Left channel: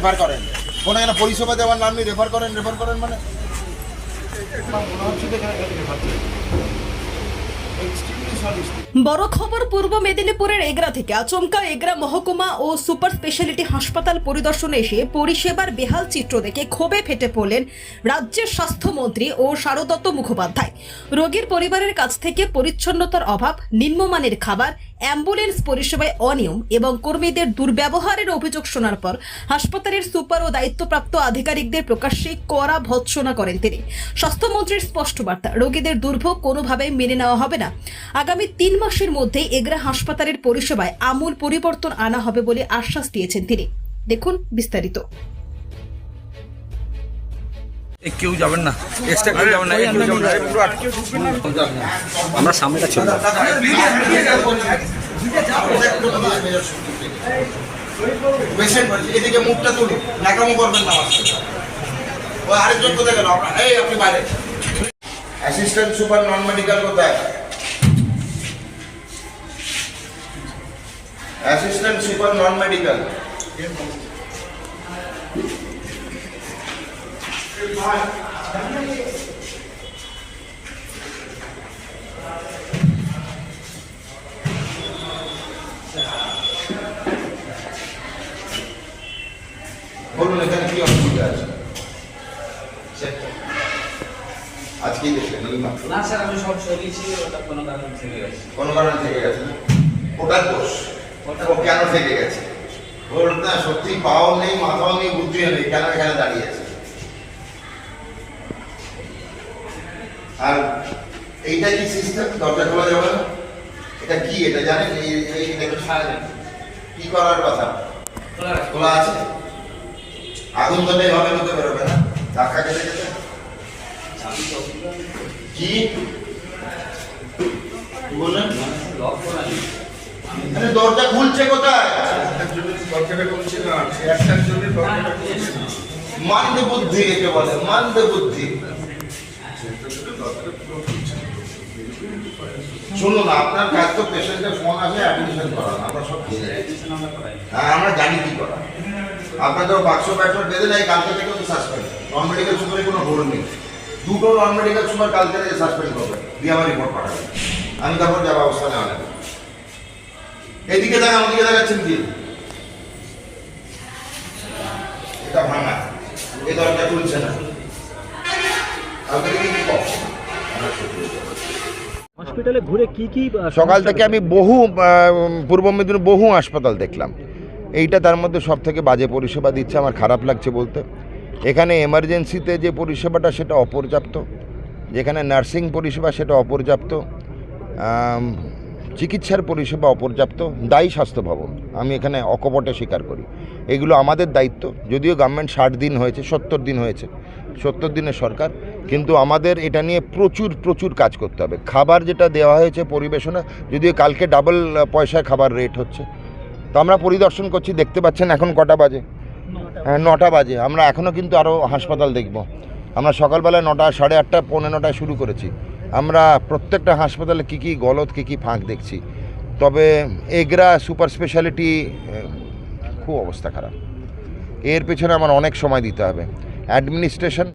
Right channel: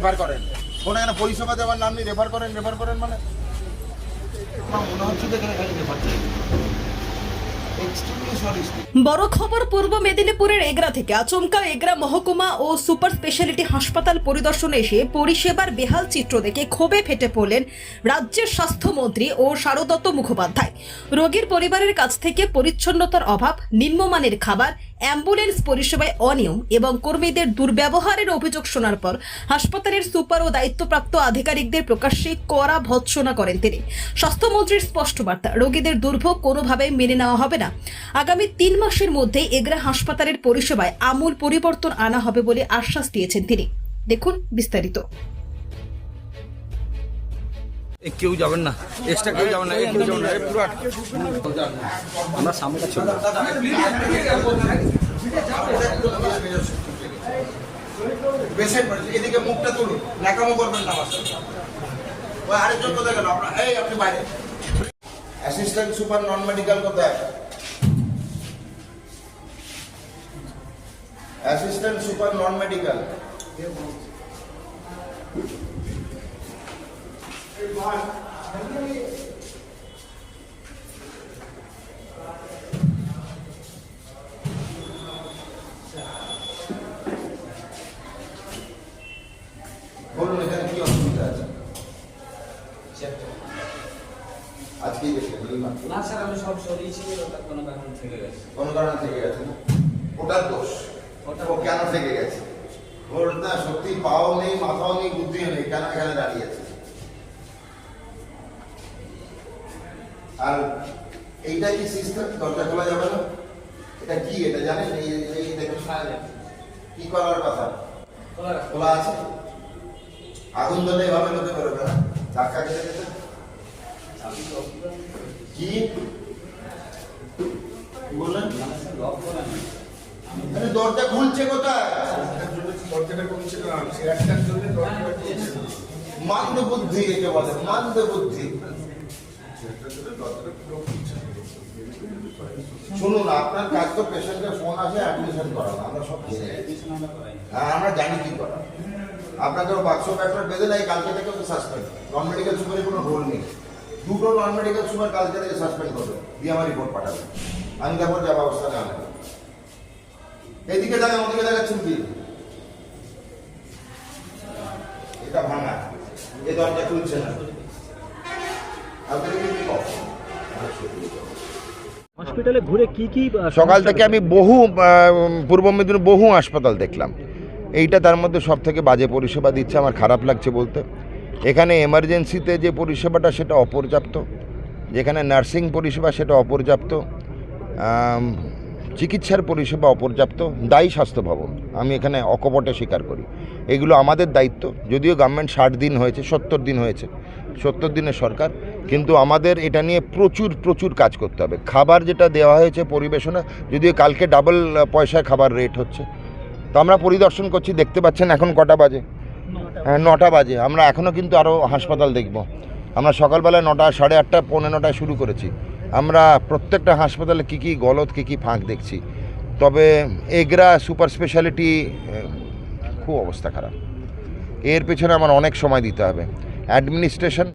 Refer করেন, কোনো এখানে পরিষেবা দেওয়ার নাম নেই, রেফার করেন মানে মনে হচ্ছে এখানে রেফার করেন। বড় খবর পূর্ব মেদিনীপুরের এগরা থেকে। আচমকা এগরা মহকুমা ও সুপার স্পেশালিটি হাসপাতাল পরিদর্শনে এসে পরিষেবার বেহাল চিত্র দেখে ক্ষোভে ফেটে পড়লেন রাজ্যের স্বাস্থ্যমন্ত্রী ও শারদত্ত মুখোপাধ্যায়। রোগীর পরিবারের কাছ থেকে পরিচ্ছন্নতার অভাব, নিম্নমানের খাবার, অ্যাম্বুলেন্স পরিষেবায় অনিয়ম এবং কর্মীদের দুর্ব্যবহারের অভিযোগ শোনার পর হাসপাতালের সুপার ও দায়িত্বপ্রাপ্ত আধিকারিকদের প্রকাশ্যে কড়া ভৎসনা করেন তিনি। স্বাস্থ্যমন্ত্রীর স্পষ্ট বার্তা, রোগীদের দুর্ভোগ কোনোভাবেই মেনে নেওয়া হবে না। আগামী 3 মাসের মধ্যেই এগরা হাসপাতালের পরিষেবায় আমূল পরিবর্তন আনা হবে বলে আশ্বাস দিয়েছেন তিনি। দেখুন বিস্তারিত। কেউ যাবেন না, এক্সট্রা কেউ যাবেন না, আমরা সামনেটা ছিল। এদিকে মুখটা তুলুন, নাকামো করবেন না। ও আরেকজন কোথায় গেল? এই আপনি বাইরে। অ্যাসিস্ট্যান্ট সুপার নন মেডিকেল কোথায়? অ্যাসিস্ট্যান্ট সুপার নন মেডিকেল বলুন, এখানে কি অসুবিধা আছে? আজকেই দেখলেন? না স্যার, আমি সব সরিয়েছি, ওটা কোনো কারণে থেকে গেছে। কোনো কারণে থেকে গেছে না? ওটার দোষ। ও কেন থেকে গেছে? ওর না সত্যি পাও নেই, মাথাও নেই, বুদ্ধিও নেই, কেন এখানে দাঁড়িয়ে আছে? আর এইটা কি সিস্টেম? দরজা খোলা যাবে না? এটা কি? এটা জানেন? কি করার কথা? খোলা আছে? আগুন ধরে এভাবে ঢুকে বেরোবে না? ধাক্কা খেতে খেতে কি বললেন? দরজা খুলছে কোথায়? মানদে বুদ্ধি একে বলে, মানদে বুদ্ধি। শুনুন, আপনার কাজ তো পেশেন্টের ফোন আসে অ্যাডমিশন করানো, আমরা সব হ্যাঁ আমরা জানি কি করা। আপনাদের বাক্স প্যাট্রোল বেঁধে নেই, কালকে থেকে সাসপেন্ড। নন মেডিকেল সুপারে কোনো ভুল নেই, দুটো নন মেডিকেল সুপার কালকে থেকে সাসপেন্ড করবে, দিয়ে আমার রিপোর্ট পাঠাবে, আমি তারপর যা ব্যবস্থা নেওয়া নেব। এদিকে দেখা, আমাদিকে দেখাচ্ছেন কি? এটা ভাঙা, এই দরজা তুলছে না, কালকে থেকে কি করছে? হসপিটালে ঘুরে কি সকাল থেকে আমি বহু পূর্ব মেদিনীপুর বহু হাসপাতাল দেখলাম, এইটা তার মধ্যে সব থেকে বাজে পরিষেবা দিচ্ছে। আমার খারাপ লাগছে বলতে। এখানে এমার্জেন্সিতে যে পরিষেবাটা সেটা অপর্যাপ্ত, যেখানে নার্সিং পরিষেবা সেটা অপর্যাপ্ত, চিকিৎসার পরিষেবা অপর্যাপ্ত। দায়ী স্বাস্থ্য ভবন, আমি এখানে অকপটে স্বীকার করি, এগুলো আমাদের দায়িত্ব। যদিও গভর্নমেন্ট 60 দিন হয়েছে, 70 দিন হয়েছে, 70 দিনের সরকার, কিন্তু আমাদের এটা নিয়ে প্রচুর কাজ করতে হবে। খাবার যেটা দেওয়া হয়েছে পরিবেশনা, যদিও কালকে ডাবল পয়সায় খাবার রেট হচ্ছে, তো আমরা পরিদর্শন করছি। দেখতে পাচ্ছেন এখন কটা বাজে? 9টা বাজে। আমরা এখনও কিন্তু আরও হাসপাতাল দেখব। আমরা সকালবেলায় 9টা, 8:30, 9:45 শুরু করেছি। আমরা প্রত্যেকটা হাসপাতালে কী গলদ, কী ফাঁক দেখছি। তবে এগরা সুপার স্পেশালিটি খুব অবস্থা খারাপ, এর পেছনে আমার অনেক সময় দিতে হবে। অ্যাডমিনিস্ট্রেশন